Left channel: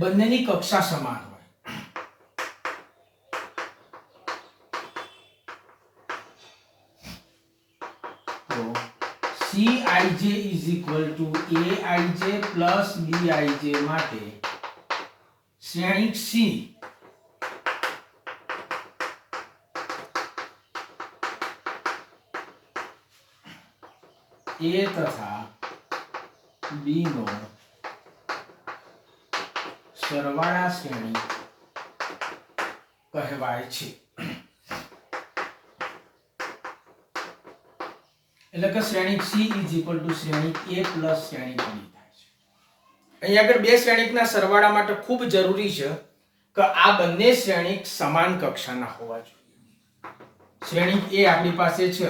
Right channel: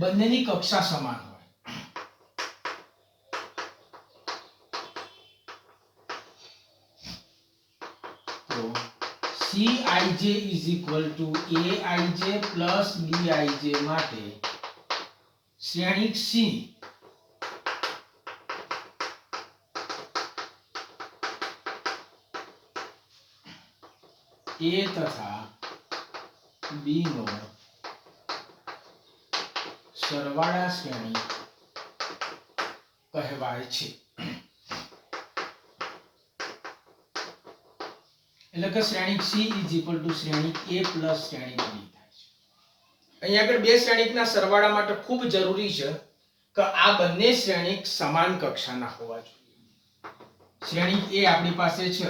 બંનેની કક્ષા સમાન હોય તો Cij is equal to Aij plus Bij માટે શ્રેણિક C A તથા B નો સરવાળા શ્રેણી કહેવાય છે. એટલે કે શ્રેણિક C is equal to શ્રેણિક A plus શ્રેણિક B થાય છે. અહીં આગળ બે શ્રેણિકના સરવાળા માટે ખૂબ જરૂરી છે કે આ બંને શ્રેણિક સમાન કક્ષાના હોવા જોઈએ. શ્રેણિક A આપણી પાસે છે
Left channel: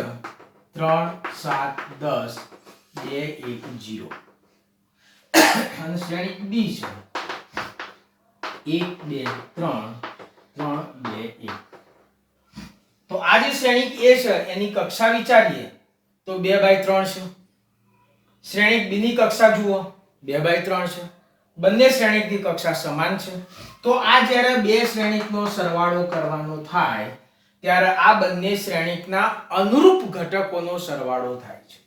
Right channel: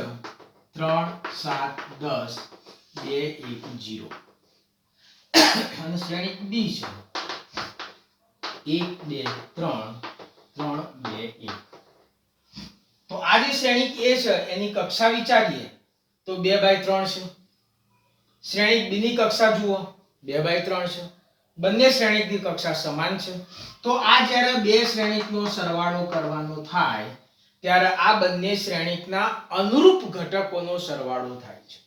3 7 10 2 1 0 અને શ્રેણિક B છે 1 2 3 3 2 1. તો આ જે શ્રેણિક A છે એની કક્ષા વિચારીએ તો 2/3 છે. શ્રેણિક B ની કક્ષા જુઓ 2/3 છે. બંને શ્રેણિકની કક્ષા સમાન છે. તો આ જ્યારે બે શ્રેણિકનો સરવાળો કરવાનો થાય ત્યારે આ બંને શ્રેણિકના અનુરૂપ ઘટકોનો સરવાળો થાય છે.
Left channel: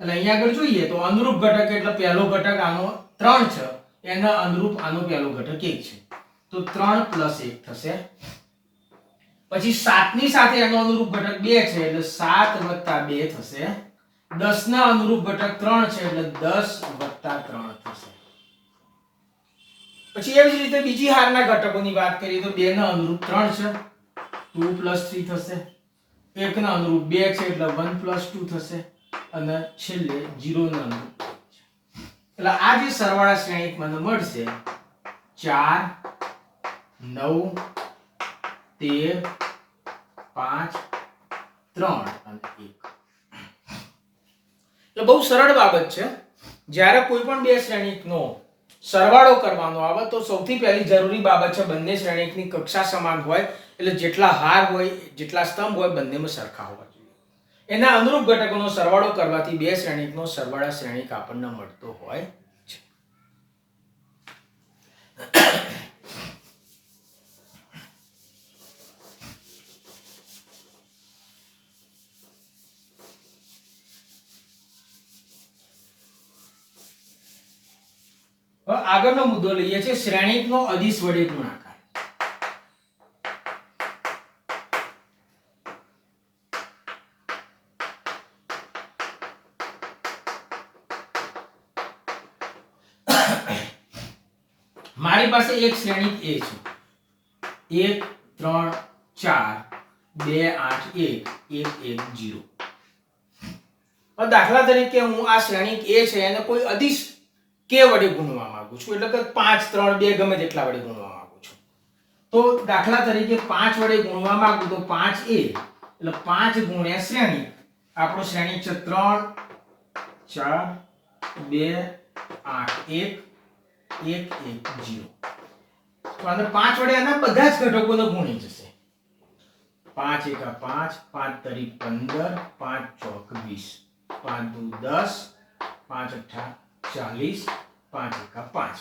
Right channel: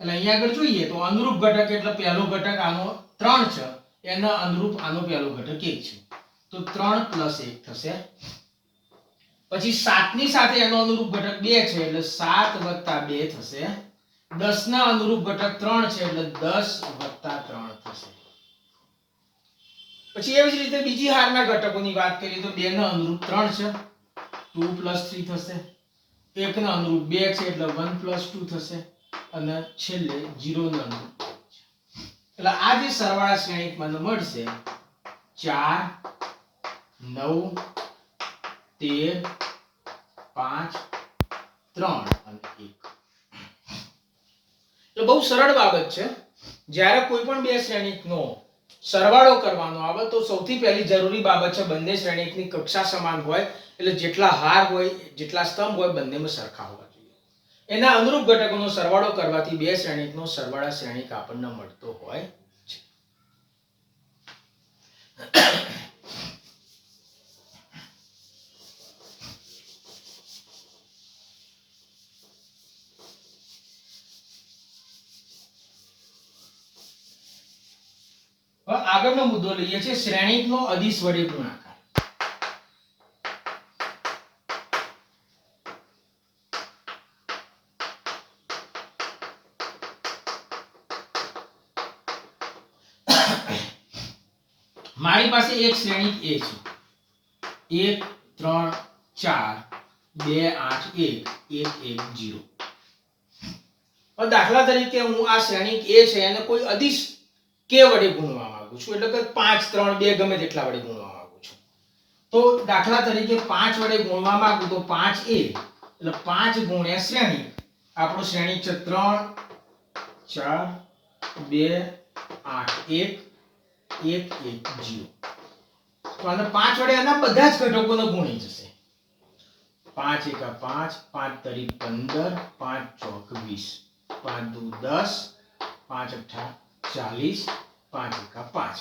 એટલે અહીંયા આગળ જોઈએ તો અનુરૂપ ઘટક એટલે પહેલો ઘટક આનો 3 છે, એના અનુરૂપ આનો પહેલો ઘટક 1 છે. તો 3 + 1 થશે. પછી 7 ની સાથે એનો અનુરૂપ ઘટક 2 છે એટલે 7 + 2 થશે. 10 ના અનુરૂપ ઘટક 3 છે એટલે 10 + 3 થશે. પછી એવી જ રીતે બીજી હારના ઘટકોની વાત કરીએ તો 2 ના અનુરૂપ 3 છે 2 + 3 થશે. 1 ના અનુરૂપ 2 છે એટલે 1 + 2 થશે અને છેલ્લે 0 ના અનુરૂપ છે. એટલે આ જે સરવાળા શ્રેણિક મને મળશે 4 9 13 5 3 અને 1. એટલે બહુ સરળ બાબત છે. જ્યારે કોઈ પણ બે શ્રેણિકનો સરવાળો કરવાનો આવે તો સૌથી પહેલી જરૂરી બાબત છે બંને શ્રેણિકની કક્ષા સમાન હોય. એટલે જેટલા હાર હોય જેટલા સ્તંભ હોય બંનેમાં સરખા હોવા જોઈએ. એના અનુરૂપ ઘટકોનો સરવાળો કરવાથી બે શ્રેણિકનો સરવાળા શ્રેણિક આપણને મળતો હોય છે. હવે આગળનો મુદ્દો લઈએ છે શ્રેણિકનો અદિશ વડે ગુણાકાર. મારી પાસે એક શ્રેણિક A છે 1 3 4 2 8 1 1 1 0. હવે દાખલા તરીકે હું આ શ્રેણિક A છે એને કોઈ અદિશ k વડે ગુણવા માંગુ છું. એટલે કે 5 3 2 ગમે તેટલા વડે ગુણવા માંગુ છું. તો દાખલા તરીકે 5 વડે ગુણવા માંગુ તો 5a એટલે 5 ગુણ્યા શ્રેણિક. આપણો શ્રેણિક છે 3 4 2 8 1 1 1 0. તો આને 5 વડે આના બધા જ ઘટકોને ગુણી જશે. 5 1 5 5 તરી 15 5 ચોક 20 5 દુ 10 5 અઠ્ઠા 40 5 1 5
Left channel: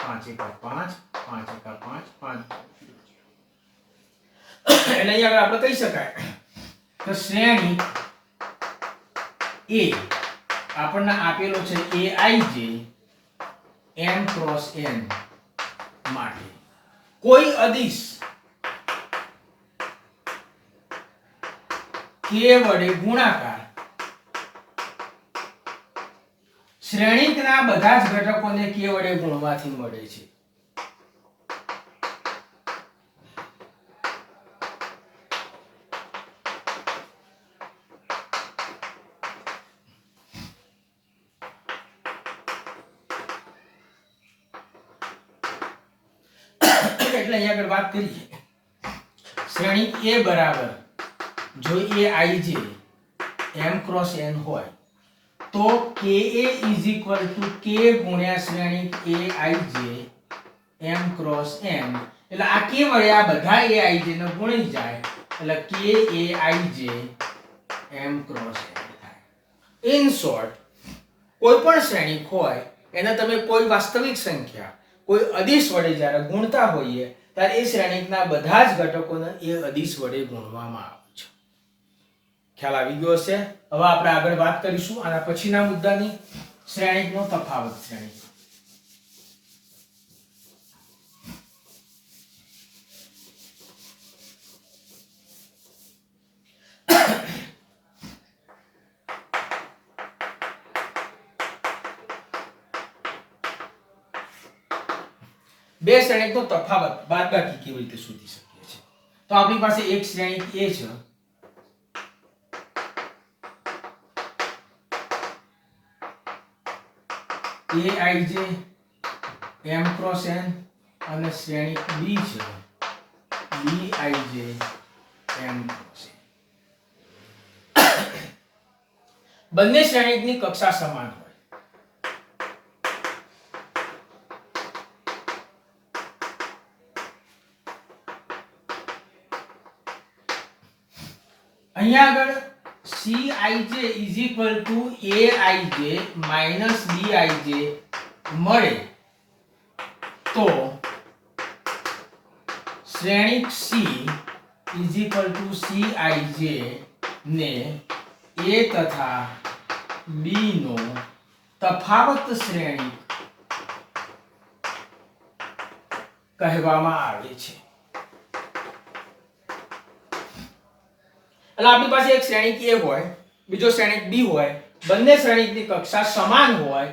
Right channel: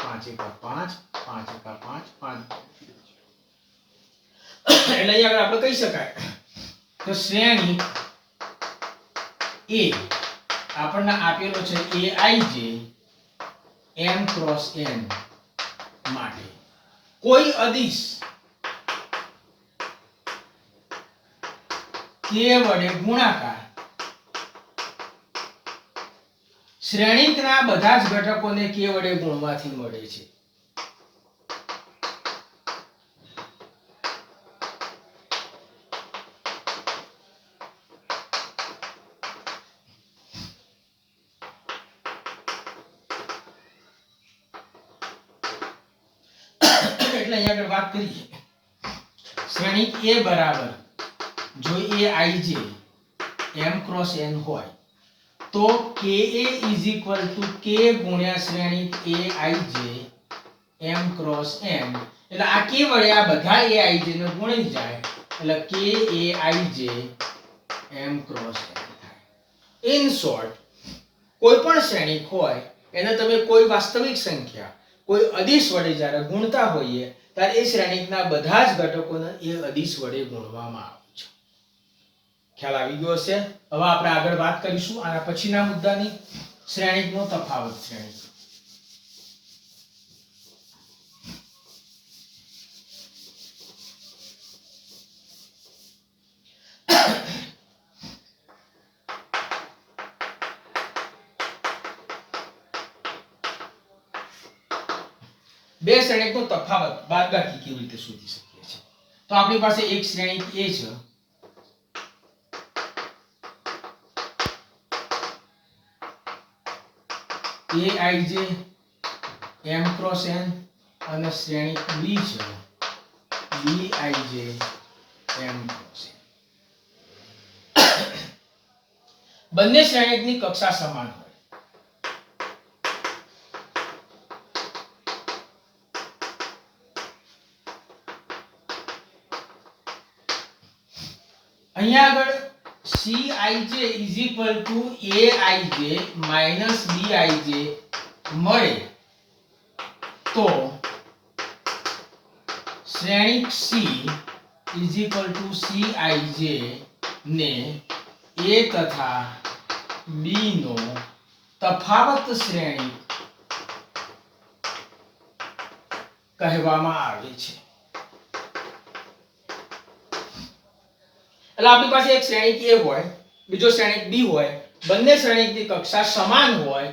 5 1 5 5 1 5 5. એટલે અહીંયા આપણે કહી શકાય કે શ્રેણિક A આપણને આપેલો છે Aij m × n માટે કોઈ અદિશ k વડે ગુણાકાર શ્રેણિકના બધા જ ઘટકોને k વડે ગુણવાથી મળે છે. એટલે અહીંયા આગળ વાત કરીએ શ્રેણિક A બરાબર જો Aij m × n હોય તો Ka = k ગુણ્યા શ્રેણિક Aij m × n. એટલે આ k વડે આ બધા Aij ને ગુણી જાય એટલે Kaij m × n થાય. ઇન શોર્ટ કોઈ પણ શ્રેણિક હોય એને તમે કોઈ વાસ્તવિક સંખ્યા કોઈ અદિશ વડે જ્યારે ગુણતા હોઈએ ત્યારે એ શ્રેણિકના બધા જ ઘટકોને એ અદિશ વડે ગુણવામાં આવે છે. ખ્યાલ આવી ગયો હશે. હવે આપણે આગળ વાત કરીશું આના પછીના મુદ્દાની, શ્રેણિકનો તફાવત. શ્રેણિક બે શ્રેણિકનો તફાવત બાદબાકી કેવી રીતે શોધી શકીએ છીએ? તો આપણી પાસે એક શ્રેણિક A છે, Aij m ક્રોસ n, અને શ્રેણિક B છે Bij m ક્રોસ n. બંને શ્રેણિકની કક્ષા સમાન હોય. અહીંયા આગળ Cij is equal to Aij minus Bij મળે તો શ્રેણિક C is equal to Cij ને A તથા B નો તફાવત શ્રેણિક કહેવામાં આવે છે. એટલે આપણી પાસે એક શ્રેણિક A હોય, બીજો શ્રેણિક B હોય, બંને શ્રેણિકની કક્ષા સમાન હોય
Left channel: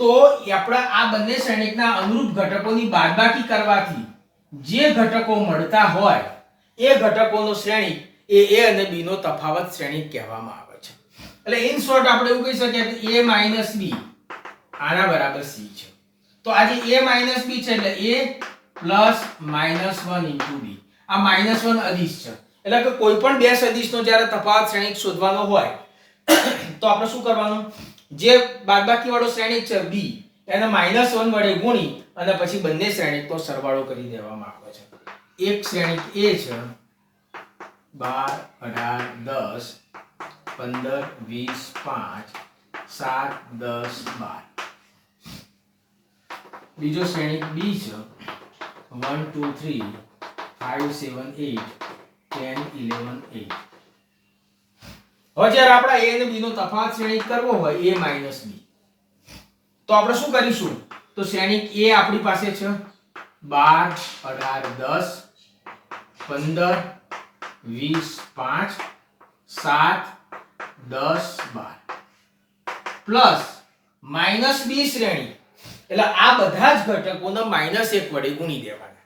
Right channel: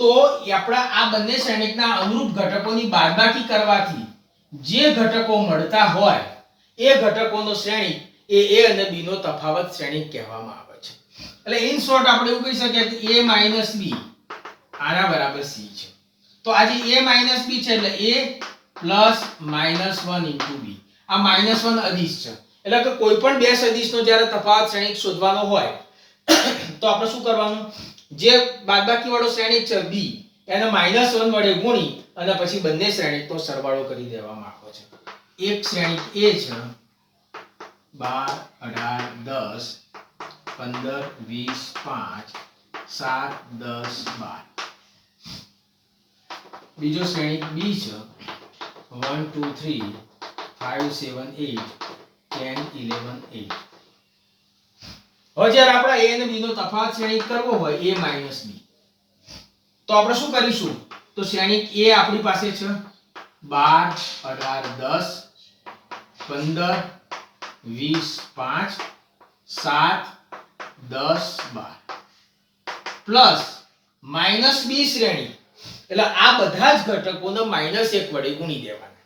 તો આપણા આ બંને શ્રેણિકના અનુરૂપ ઘટકોની બાદબાકી કરવાથી જે ઘટકો મળતા હોય એ ઘટકોનો શ્રેણિક એ A અને B નો તફાવત શ્રેણિક કહેવામાં આવે છે. એટલે ઇન શોર્ટ આપણે એવું કહી શકીએ કે A minus B આના બરાબર C છે. તો આ જે A minus B છે એટલે A plus minus 1 into B. આ -1 અદિશ છે. એટલે કે કોઈ પણ બે સદિશનો જ્યારે તફાવત શ્રેણિક શોધવાનો હોય તો આપણે શું કરવાનું? જે બાદબાકી વાળો શ્રેણિક છે B એને -1 વડે ગુણી અને પછી બંને શ્રેણિકનો સરવાળો કરી દેવામાં આવે છે. એક શ્રેણિક A છે 12 18 10 15 20 5 7 10 12. બીજો શ્રેણિક B છે 1 2 3 5 7 8 10 11 8. હવે જ્યારે આપણે A અને B નો તફાવત શ્રેણિક કરવો હોય A minus B તો આપણે શું કરીશું? તો શ્રેણિક A આપણી પાસે છે 12 18 10 15 20 5 7 10 12 પ્લસ માઇનસ B શ્રેણી એટલે આ બધા જ ઘટકોને -1 વડે ગુણી દેવાના.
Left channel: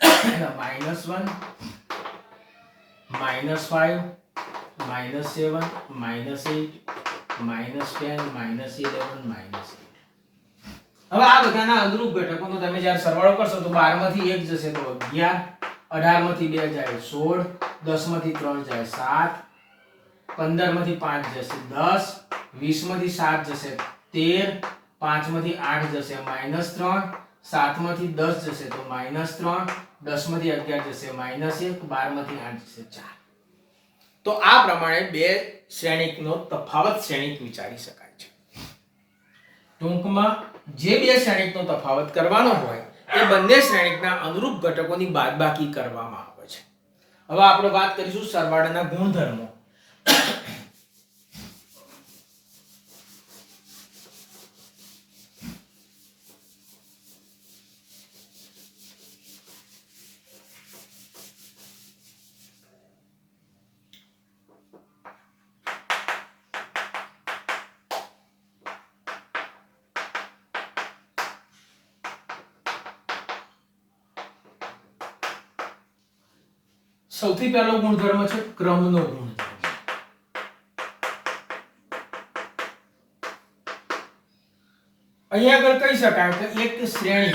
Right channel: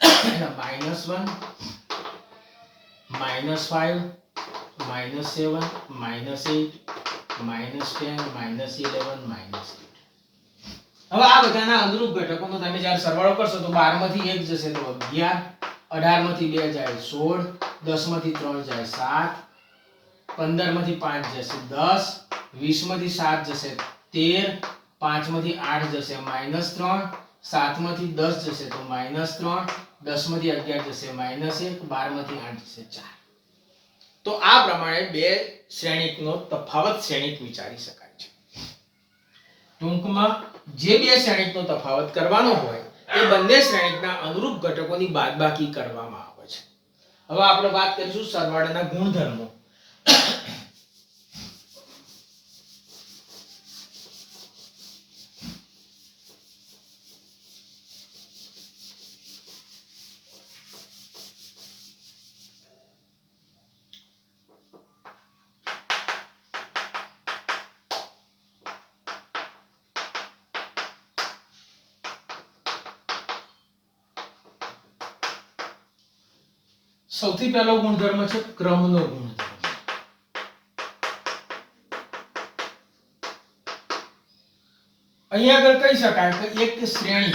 એટલે -1 -5 -7 -8 -10 -11 -8. હવે આ બધાના અનુરૂપ ઘટકોનો તમે જ્યારે સરવાળો કરશો તો 12 માંથી 1 જશે તો 11, 18 માંથી 2 જાય 16, 10 માંથી 3 જાય 7, 15 માંથી 5 જશે 10, 20 માંથી 7 જશે 13, 5 માંથી 8 જશે -3, 7 માંથી 10 જશે તો -3, 10 માંથી 11 જશે -1, 12 માંથી 8 જશે 4. તો આ પ્રમાણે બે શ્રેણિકનો તફાવત શ્રેણિક વિચારી શકાય છે. ટૂંકમાં જે બે શ્રેણિકનો તફાવત કરવાનો હોય એ બંને શ્રેણિકના અનુરૂપ ઘટકોની બાદબાકી કરવામાં આવે છે. હવે આપણે વાત કરીશું સરવાળાના ગુણધર્મો. સૌથી પહેલો ગુણધર્મ છે ક્રમનો ગુણધર્મ. અહીંયા આગળ કહી શકાય કે એક શ્રેણી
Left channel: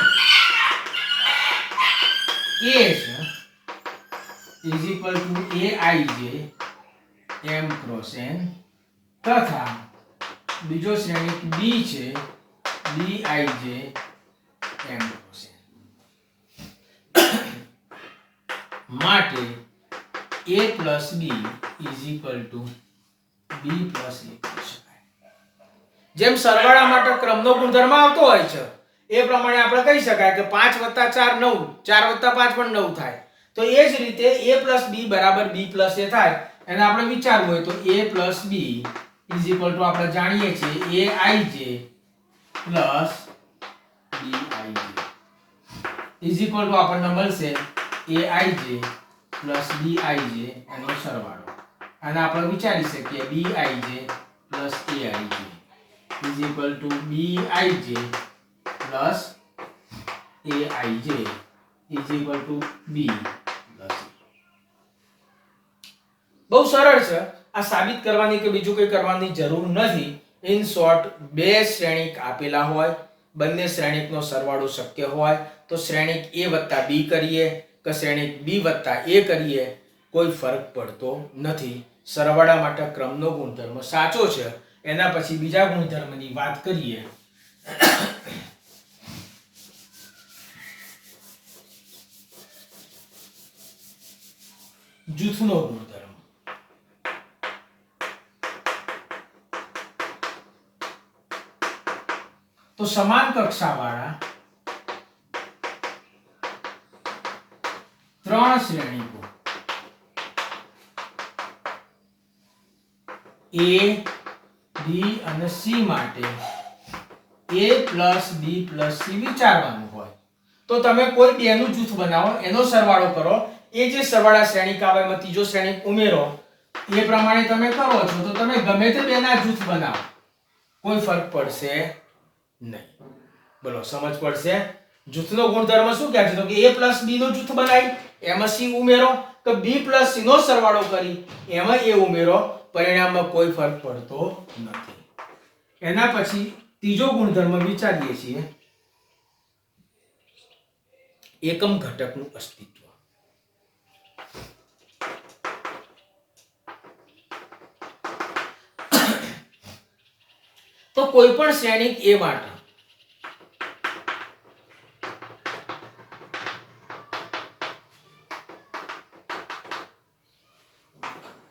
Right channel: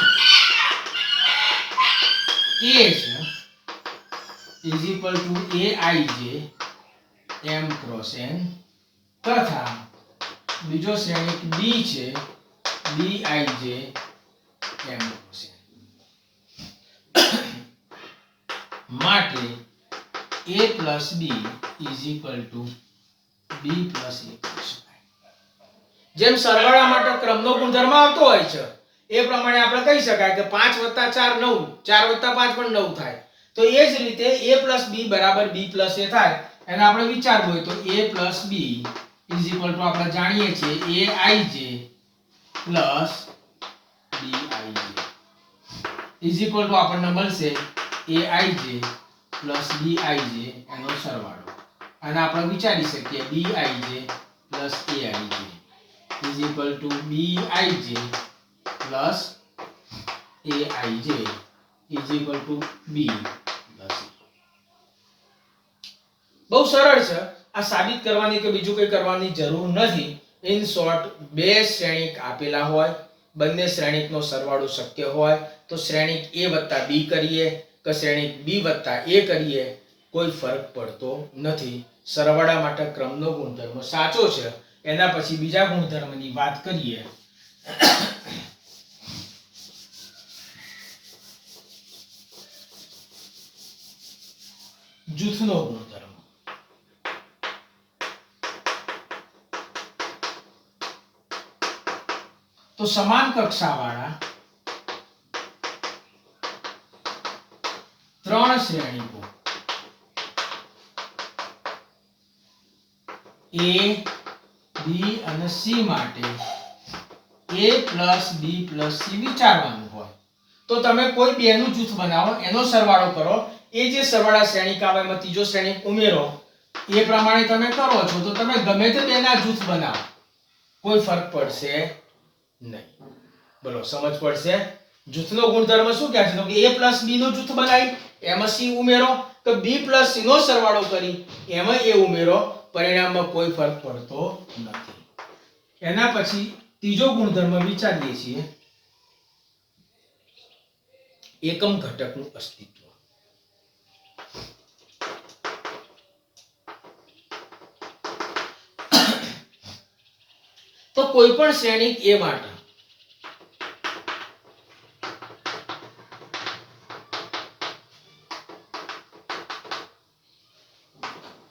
A છે is equal to Aij m cross n તથા બીજો શ્રેણિક B છે Bij m cross n. માટે A plus B is equal to B plus A કહી શકાય. જેમ સરવાળા માટે ક્રમનો ગુણધર્મ આવતો હોય છે એ પ્રમાણે આપણે કહી શકાય કે 5 + 4 9, 4 + 5 પણ 9 થાય. તો એ જ રીતે a + b બરાબર b + a થાય. એને આપણે વિચારવું હોય તો a + b = આપણે જાણીએ છીએ aij + bij આપણને મળશે aij + bij એનો સરવાળો. અને આપણે વિચારી શકીએ bij + aij = bij + aij = b + a. બહુ સરળ છે. આ સાબિત કરવાની કે બીજું કંઈ કરવાની જરૂર નથી. ઇન શોર્ટ, બે શ્રેણિક આપેલા હોય, બંને શ્રેણિકનો સરવાળો શક્ય હોય તો શ્રેણિક a + b કરીએ કે શ્રેણિક b + a કરીએ, કોઈ ફરક પડતો નથી. સરવાળા માટે ક્રમનો ગુણધર્મ સાચો છે. એના પછી બીજા ગુણધર્મની વાત કરીએ. જૂથનો ગુણધર્મ. તો સમાન કક્ષાવાળા ત્રણ શ્રેણીકો A, B અને C માટે a + b + c વિચારવાનું હોય તો તમે કોઈ બેનું જૂથ બનાવો, એનો સરવાળો કરો, એ જે સરવાળા શ્રેણીક આવે એમાં ત્રીજો શ્રેણીક ઉમેરો, એ પ્રમાણે તમે કરો છો તો તમે ગમે તે બેના જૂથ બનાવો, કોઈ ફરક પડશે નહીં. બોલો, સમજ પડશે? જૂથનો ગુણધર્મ શું કહે છે? તો કે a + b નું જૂથ બનાવી એમાં c ઉમેરો કે b + c નો સરવાળો કરી એમાં a ઉમેરો, પરિણામમાં કોઈ ફરક પડતો નથી. એના પછી ત્રીજો ગુણધર્મ વિચારીએ છીએ, એકમ ઘટકનું અસ્તિત્વ. તો કોઈ પણ શ્રેણિક a માટે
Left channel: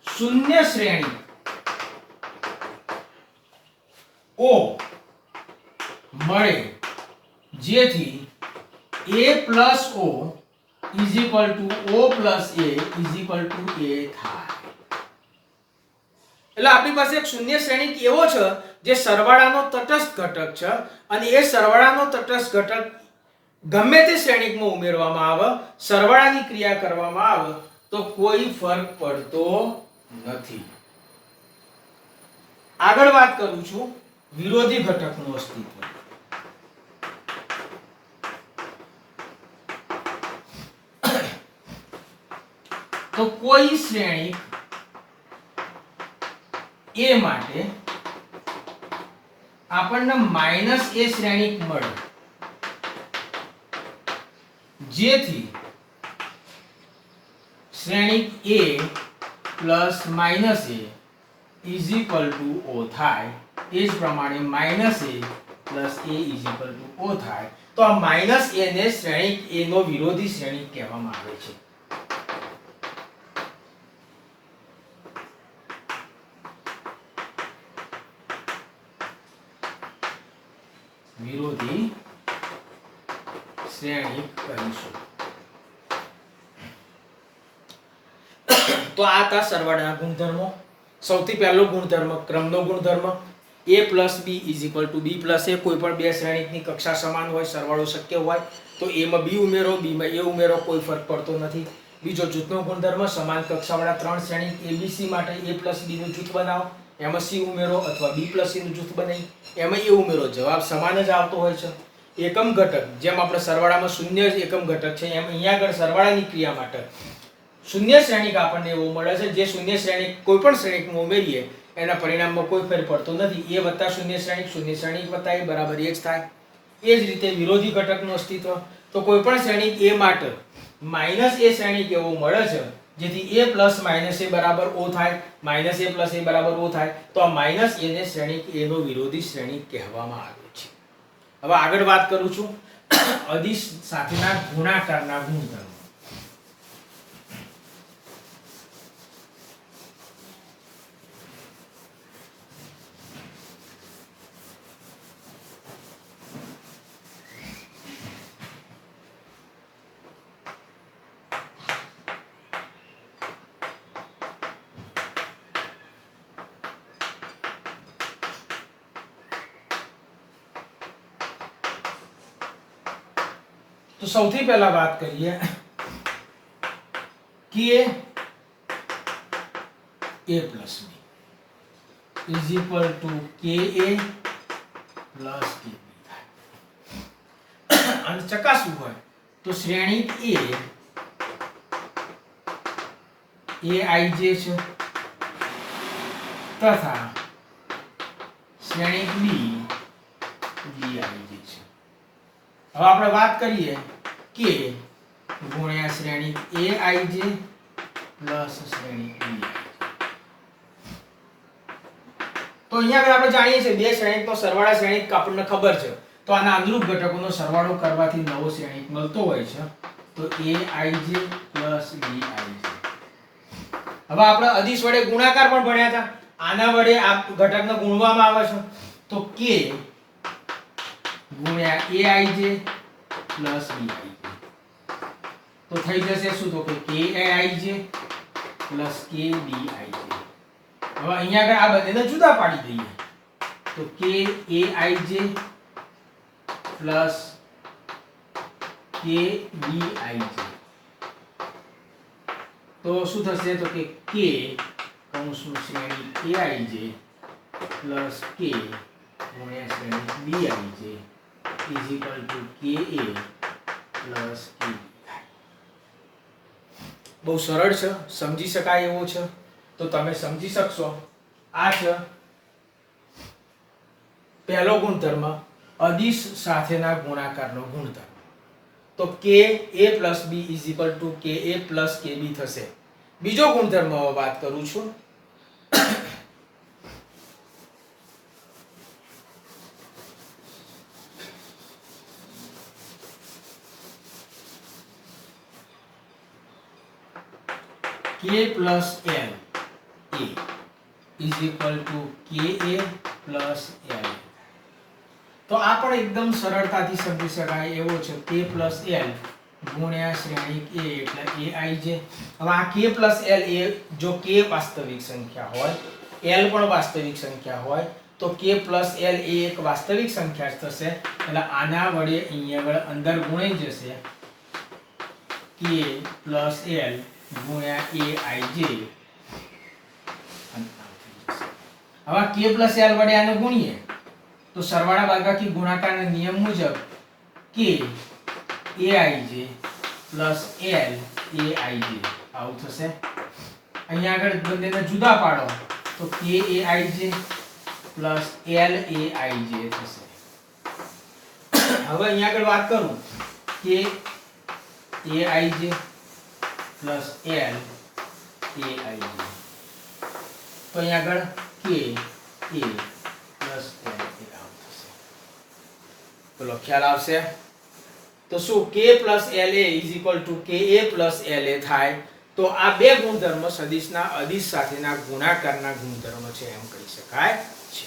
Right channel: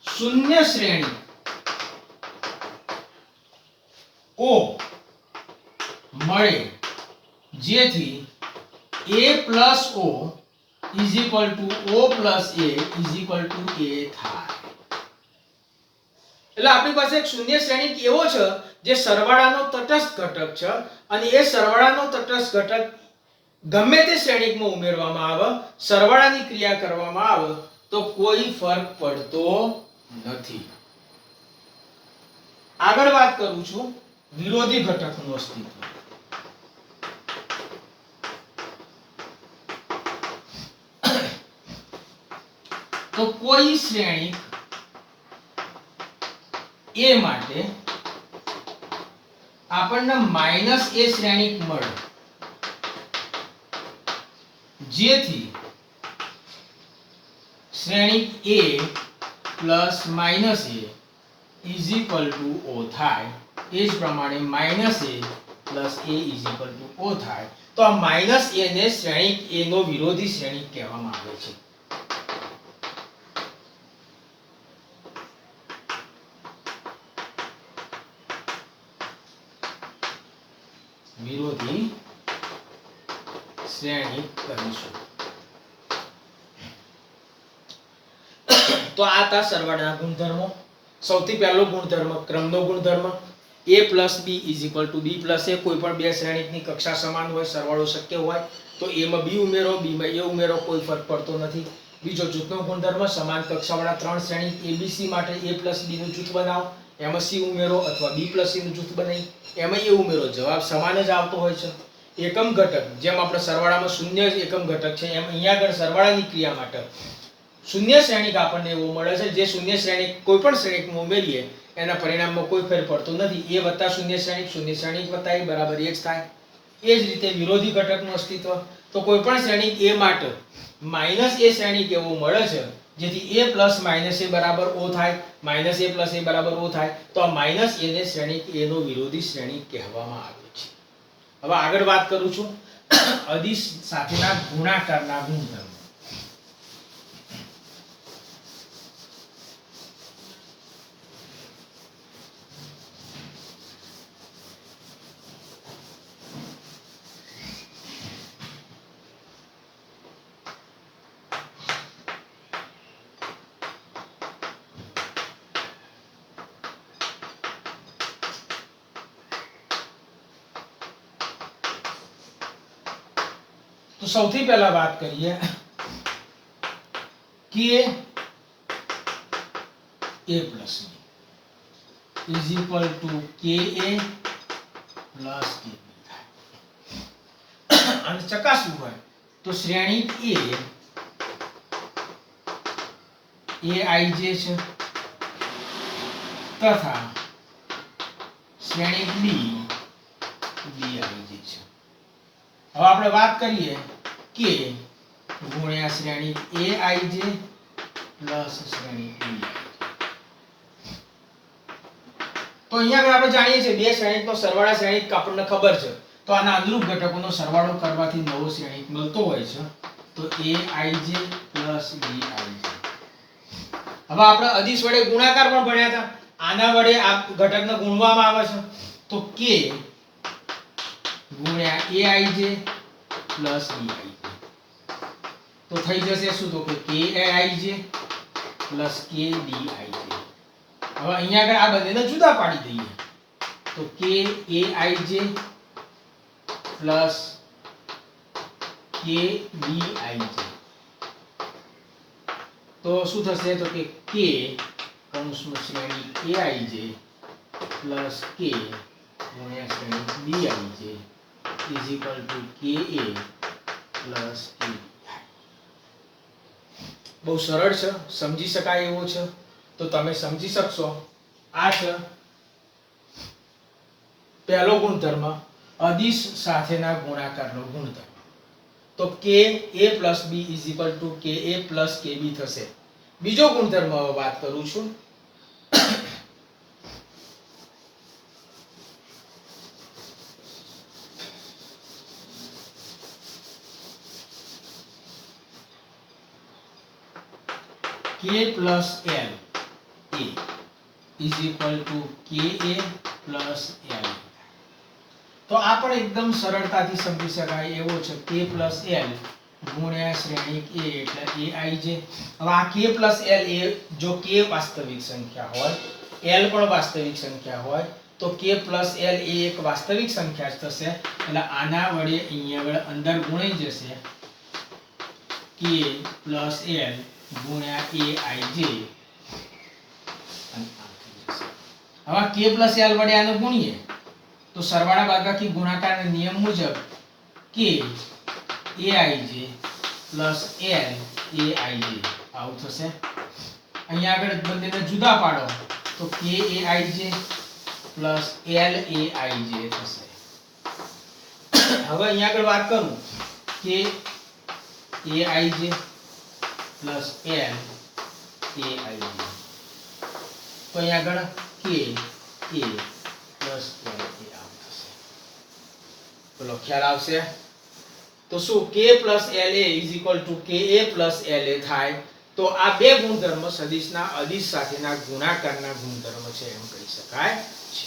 શૂન્ય શ્રેણી O મળે જેથી a + o = o + a થાય. એટલે આપણી પાસે એક શૂન્ય શ્રેણીક એવો છે જે સરવાળાનો તટસ્થ ઘટક છે અને એ સરવાળાનો તટસ્થ ઘટક ગમે તે શ્રેણીકમાં ઉમેરવામાં આવે, સરવાળાની ક્રિયા કરવામાં આવે તો કોઈ ફરક પડતો નથી. આગળ વાત કરું છું વિરોધી ઘટકનું અસ્તિત્વ. તો કોઈ શ્રેણિક a માટે આપણને -a શ્રેણિક મળે જેથી શ્રેણિક a + -a = o થાય. એ જ પ્રમાણે -a + a = o થાય. તો આ -a ને શ્રેણિક a નો વિરોધી શ્રેણિક કહેવામાં આવે છે. વિરોધી શ્રેણિક કહીશું. તો આ હતા સરવાળાના ગુણધર્મો. સૌથી પહેલો ગુણધર્મ ક્રમનો ગુણધર્મ. a + b = b + a. કોઈ પણ બે શ્રેણિકની કક્ષા સમાન હોય, સરવાળો શક્ય હોય તો a માં b ઉમેરો, b માં a ઉમેરો, કોઈ ફરક પડતો નથી. બીજો જૂથનો ગુણધર્મ, સમાન કક્ષાવાળા ત્રણ શ્રેણિક a b c માટે a + b નું જૂથ બનાવો, એમાં c ઉમેરો અથવા b + c નું જૂથ બનાવી એમાં a ઉમેરો, જવાબ સમાન જ આવતો હોય છે. એકમ ઘટક, જેમ આપણે સરવાળામાં શૂન્ય એકમ ઘટક છે એમ અહીંયા આગળ સરવાળાની ક્રિયા માટે શૂન્ય શ્રેણિક આપણને એવું મળે છે જે શૂન્ય શ્રેણિક કોઈ પણ શ્રેણિકમાં ઉમેરીએ એના પરિણામમાં કોઈ ફેર પડતો નથી. a + શૂન્ય શ્રેણિક + a બરાબર એ જ થાય. એ જ રીતે વિરોધી ઘટકનું અસ્તિત્વ. તો કોઈ પણ શ્રેણિક a માટે -a શ્રેણિક એવું મળે છે જેથી a + -a બરાબર o થાય, -a + a બરાબર o થાય. તો આ -a ને શ્રેણિક a નો વિરોધી શ્રેણિક કહેવામાં આવે છે. હવે આગળ વાત કરું છું અદિશ સાથેના ગુણાકારના ગુણધર્મો. તો સૌથી પહેલા વાત કરીએ કે a plus b is equal to ka plus kb થાય અને ચકાસવું હોય તો શ્રેણિક a aij છે તથા શ્રેણિક b bij છે. હવે આપણે વાત કરીએ કે ગુણ્યા શ્રેણિક aij પ્લસ શ્રેણિક bi. તો અહીંયા આગળ આપણે જાણીએ છીએ બે શ્રેણિકનો સરવાળા શ્રેણિક આપણને ખબર છે, તો આના અનુરૂપ ઘટકોનો સરવાળો કરવાથી નવો શ્રેણિક મળતો હોય છે, તો aij પ્લસ bij. હવે આપણે અદિશ વડે ગુણાકાર પણ ભણ્યા હતા, આના વડે આ ઘટકને ગુણવામાં આવે છે, તો k ગુણ્યા aij પ્લસ bij. તો થઈ જશે શું, તો કે kaij પ્લસ kbij. હવે અહીંયા આગળ આ બંનેને જુદા પાડી દઈએ, તો kaij પ્લસ kbij. તો શું થશે, તો કે k કૌંસમાં શ્રેણી aij પ્લસ k ગુણ્યા શ્રેણી bij is equal to ka plus kb. બહુ સરળ છે, સમજી શકાય એવો છે, તો તમે સમજી શકશો. આ છે પહેલો ગુણધર્મ, અદિશ સાથેના ગુણાકારનો ગુણધર્મ. તો ka plus b is equal to ka plus kb થશે. બીજો ગુણધર્મ વાત કરું છું, k plus l a is equal to ka plus l. તો આ પણ એકદમ સરળતાથી સમજી શકાય એવો છે, k plus l ગુણ્યા શ્રેણિક a એટલે aij. હવે આ k plus l એ જો k વાસ્તવિક સંખ્યા હોય, l પણ વાસ્તવિક સંખ્યા હોય, તો k plus l એ એક વાસ્તવિક સંખ્યા થશે, એટલે આના વડે અહીંયા અંદર ગુણાઈ જશે k plus l ગુણ્યા aij. હવે k plus l વડે આને ગુણીએ તો સરવાળા બાદબાકી ગુણાકારના નિયમ મુજબ k aij plus l aij આવું થશે. અહીંયા આગળ બંનેને જુદા પાડો તો k aij plus l aij થશે. હવે અહીંયા આગળ વાત કરું કે aij પ્લસ l aij, તો અહીંયા આગળ k a plus l a આવું થશે. બોલો ખ્યાલ આવશે? તો શું k plus la is equal to ka plus la થાય? તો આ બે ગુણધર્મ સદિશના અદિશ સાથેના ગુણાકારના ગુણધર્મ છે એમ કહી શકાય છે.